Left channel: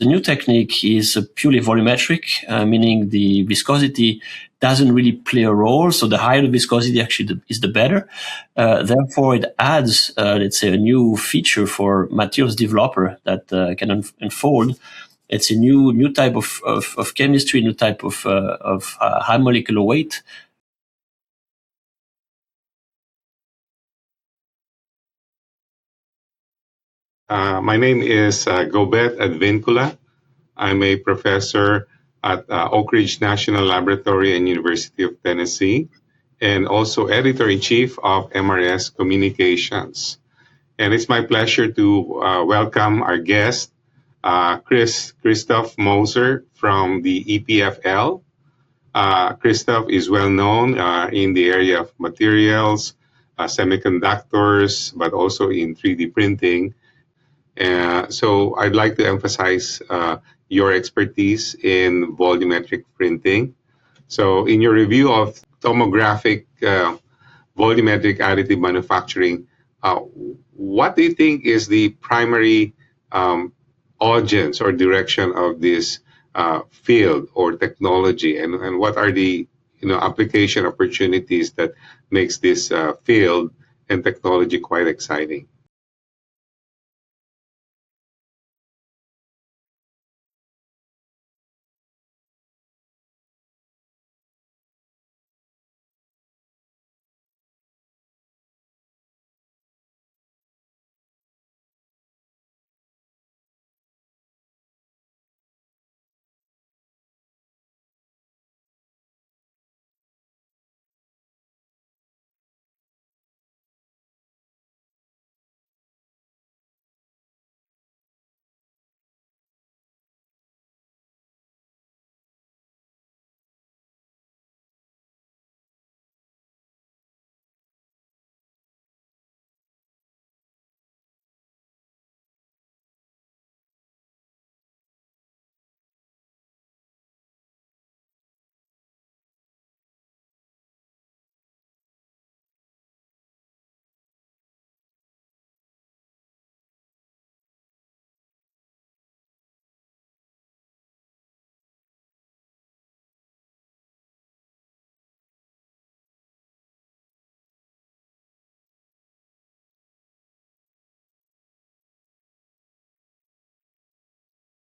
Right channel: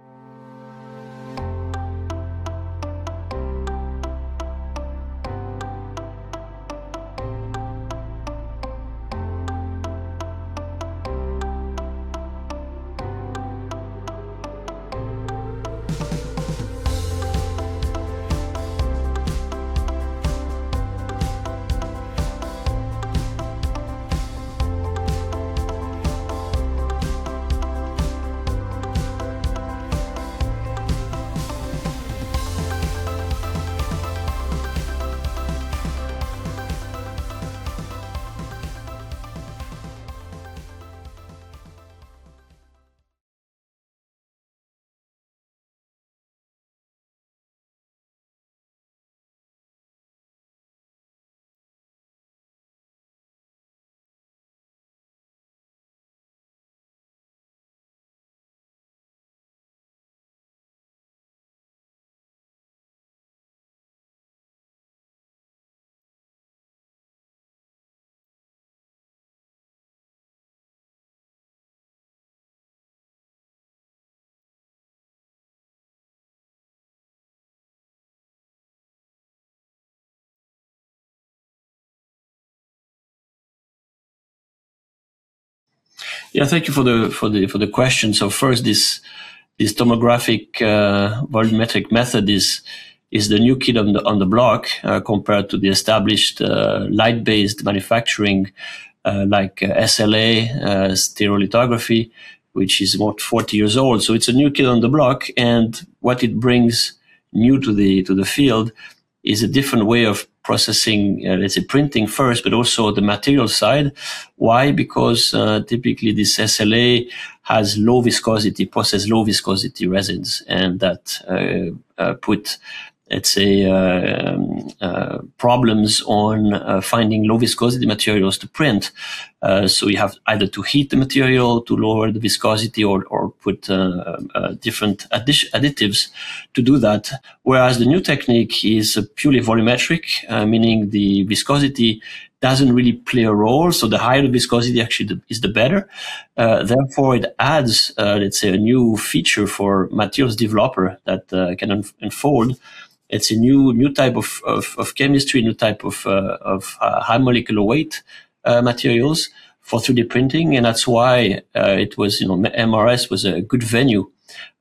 The new technique is purely volumetric, meaning the viscosity doesn't really play a role. So the higher the viscosity actually is the better. Therefore, it adds, let's say, a new feature for materials developer that can unfold. It's a new type of chemistry, new type of high molecular weight. My name is Rigoberto Advincula. I'm a professor at Oak Ridge National Laboratory and University of Tennessee, and also editor-in-chief of MRS Communications. And it's my pleasure to welcome our guest, Christophe Moser from the EPFL. Christophe is well known in the area of materials, semiconductors, but also in 3D printing. So I'd like to emphasize your expertise in volumetric printing. So in your review of tomographic volumetric additive manufacturing, what do you think is the primary audience or direction of this field or technology, and what are the application opportunities that makes this field and technology quite exciting? Yeah, thank you for the question. So first, this tomographic volumetric method is the new kid on the block compared to the established light-based manufacturing like SLA, stereolithography, which is about 40 years old. So it's a new kid on the block, and what it brings new to the field is a different way of processing, let's say, printing first, but also the material side. Why? Because typically this SLA has low viscosity, process low viscosity resins, and that put, let's say, problems on finding low viscosity materials to print. So you have either to heat the material to lower the viscosity or put different additives to do that. Whereas the new technique is purely volumetric, meaning the viscosity doesn't really play a role. So the higher the viscosity actually is the better. Therefore, it adds, let's say, a new feature for materials developer that can unfold. It's a new type of chemistry, new type of high molecular weight materials for 3D printing, and that's why it was, MRS was a good venue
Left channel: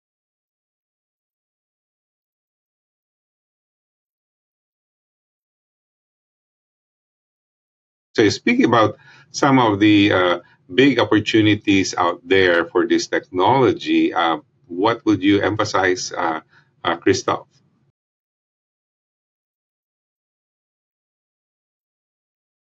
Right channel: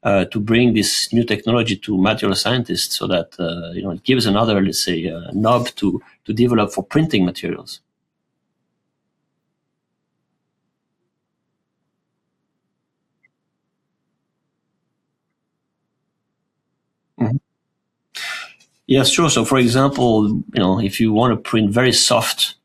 to bring this new technology to material scientists, so that it gives another, let's say, knob to develop for printing materials. So speaking about some of the big opportunities out there for this technology, what would you emphasize, Christophe? Yes, sure. So, for example, if you want to print very soft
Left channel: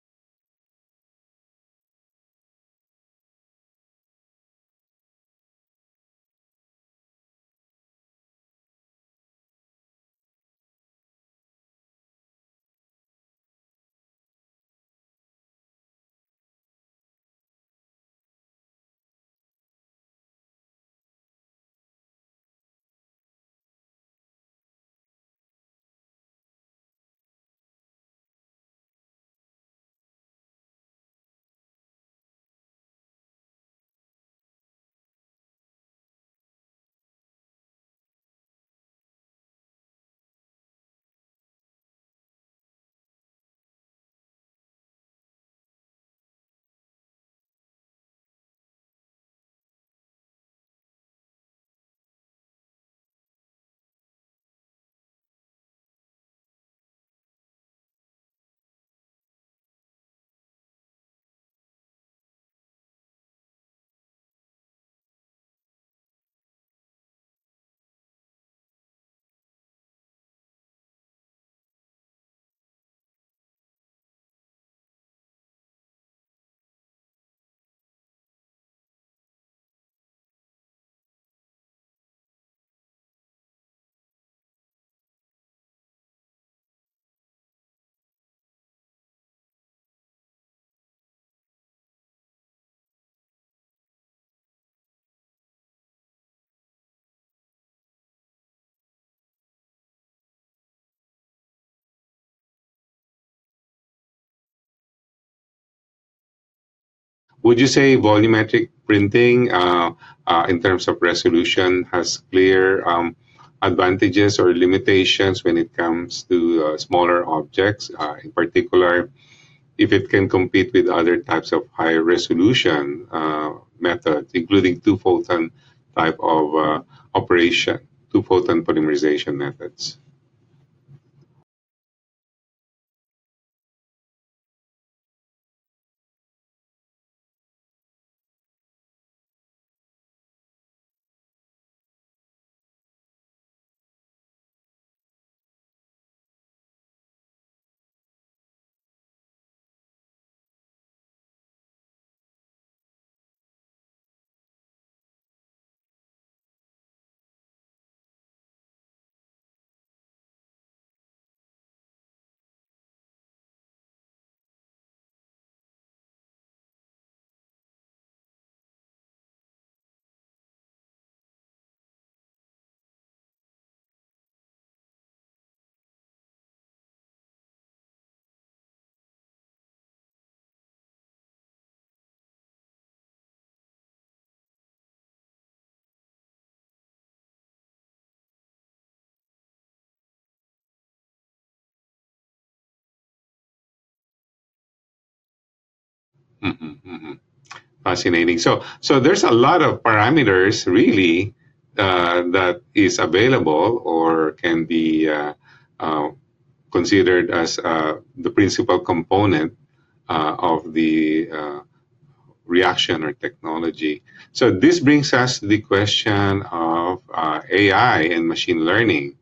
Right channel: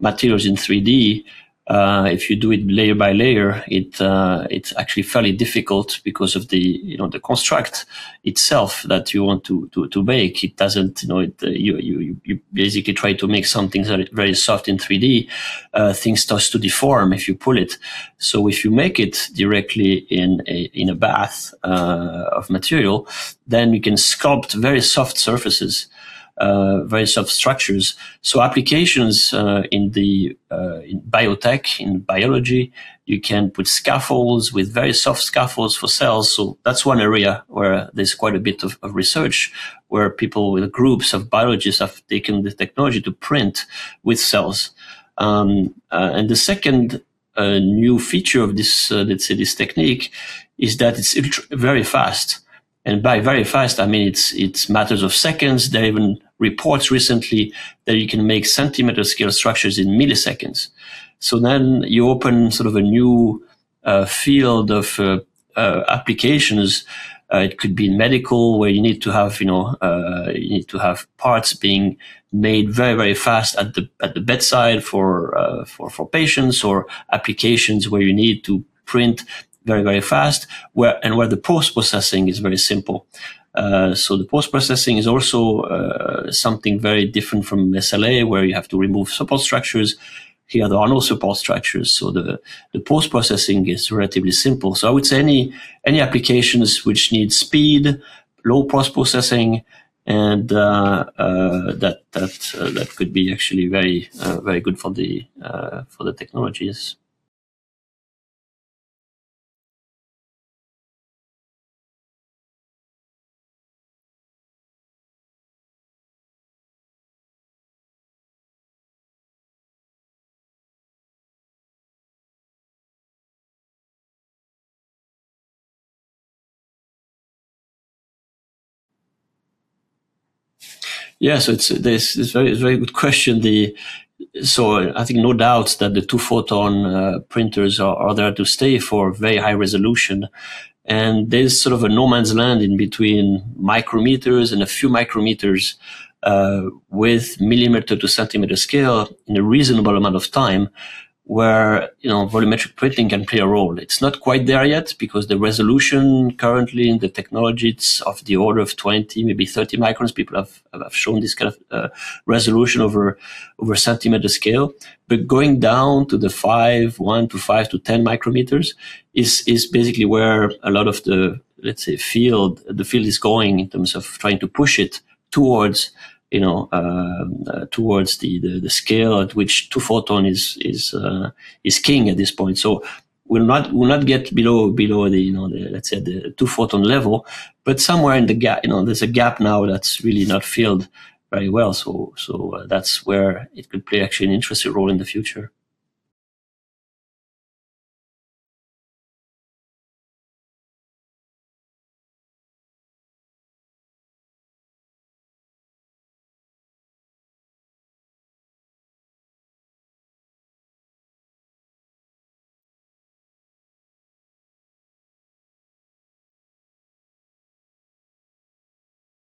materials in 3D, if you do it layer by layer, it's actually fairly difficult because of the the construct itself that you want to make. It doesn't, you basically try to make something very soft in 3D. Things start to deform if you pull it. So if you make it directly in a bath of material, then you can sculpt very soft surfaces. Very soft structures. So applications in biotech, in biology, you can put scaffolds with very soft scaffolds for cells. So that's one area where there's quite a bit of research, where people with groups of biologists have taken the technology to print with cells. And the second new feature of this, let's say, this technique is that it's very fast. And by very fast, I mean it's matters of seconds. There are even reports recently that you can make centimeter scale structures in milliseconds. So then you open sort of a new field of applications. It could be in medical, where you need to have parts being made very, very fast at the bedside for patients, or applications where you need to print very, very fast, where the post-processing is very simple. So the post-processing is also something very different from SLA, where you have to remove support structures. Here there are no support structures, so the post-processing is relatively simple. So I would say any applications which need speed, low post-processing, and that could be actually very good for the technologies. Would you say volumetric printing, in terms of resolution, has clear advantages or limitations when it comes to smaller objects, in particular, if it can compete with other types of high resolution methods, including two-photon type of operation, two-photon polymerization methods? Yeah, so it's very good question. So I think no doubt that the two-photon printers are there to stay for very high resolution. And there's sort of a no man's land in between micrometers and a few micrometers with millimeter to centimeter scale in a reasonable amount of time, where volumetric printing can play a role. It's not quite there yet because the resolution currently in the technology, it's of the order of 20, maybe 30 microns. People have shown this kind of resolution over centimeter scale. But going down to the 1 to 5 to 10 micrometers is basically where a lot of the, let's say, the field is going in terms of trying to push it towards towards the scale at which two-photon is king at this point. So we'll not get below the let's say the two-photon level, but somewhere in the gap, there's a gap now that's really not filled very well. So that's where it could play actually an interesting role in the future. Mm-hmm, mm-hmm. Fascinating. So there's a lot of parameters really that is available or can be considered as the principal component of the reaction or technology. So this brings us to the question of AI and machine learning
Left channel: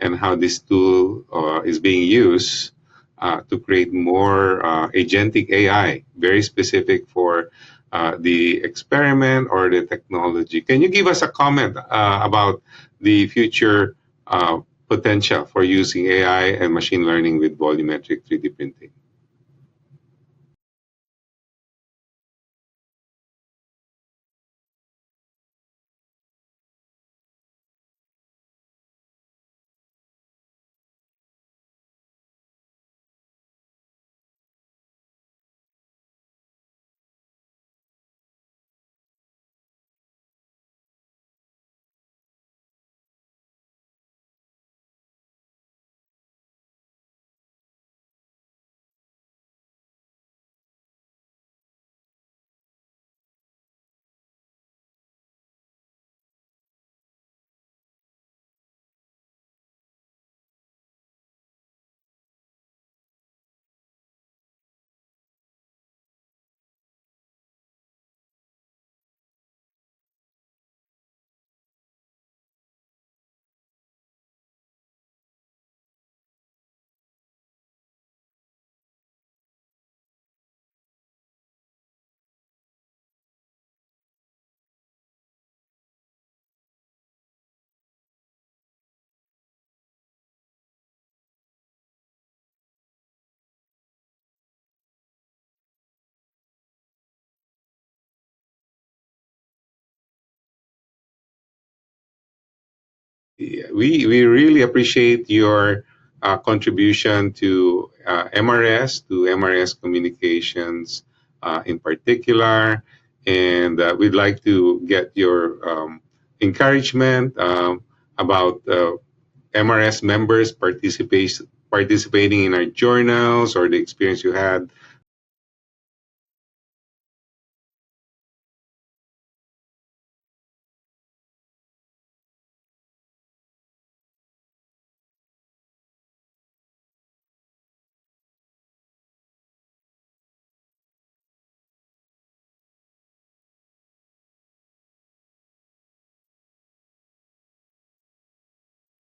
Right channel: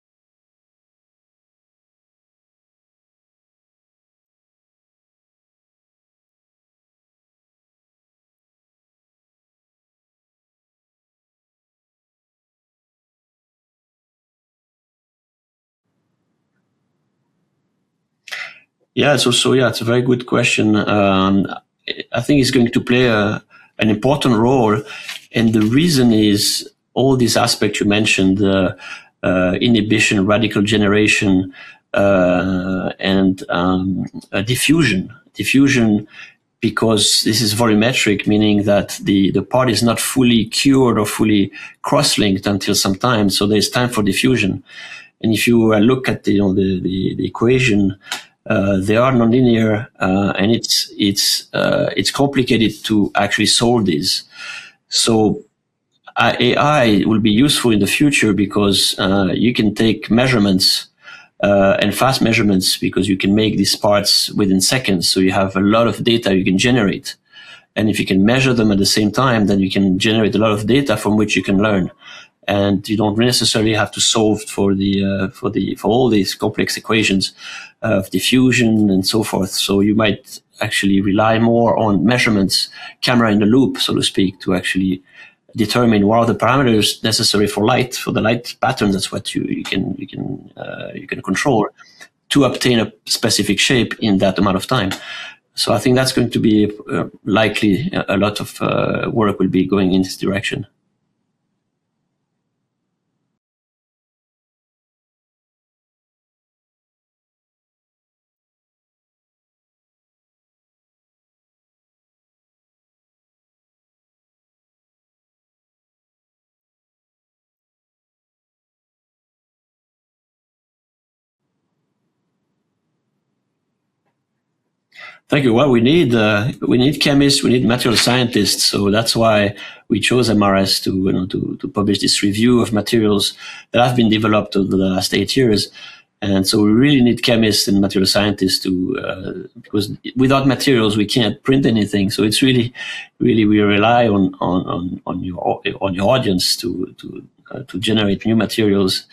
and how this tool is being used to create more agentic AI, very specific for the experiment or the technology. Can you give us a comment about the future potential for using AI and machine learning with volumetric 3D printing? Yeah, it's a very good question. I think it's going to play an important role, and the reason is all these aspects you mentioned: inhibition, radical generation, and diffusion. Diffusion, because this is volumetric, meaning that the part is not fully cured or fully cross-linked until some time. So there's time for diffusion. And if you look at the equation, they are nonlinear, and it's complicated to actually solve these. So AI will be useful in the future because you can take measurements and fast measurements, because you can make these parts within seconds. So you have a lot of data you can generate. And if you can measure them at the same time, then you can generate a lot of data from which you can learn. And you don't necessarily have to solve for all these complex equations of diffusion and so forth. So you might actually rely more on measurements, camera in the loop, so to speak, to actually determine what are the parameters necessary for the light pattern. That's what you can control to obtain a specific shape in that amount of time. So I think that's going to be likely a lot of work will be going in this direction. Yeah, we really appreciate your contribution to MRS communications in particular. And we'd like to get your encouragement about MRS members participating in our journals or the experience you had. Thank you. Well, we need chemists, we need material scientists, so that's why we chose MRS to publish this review of materials that have been developed over the last 8 years. And so we really need chemists and material scientists because without materials we can't print anything. So it's really we rely on your audience to generate new materials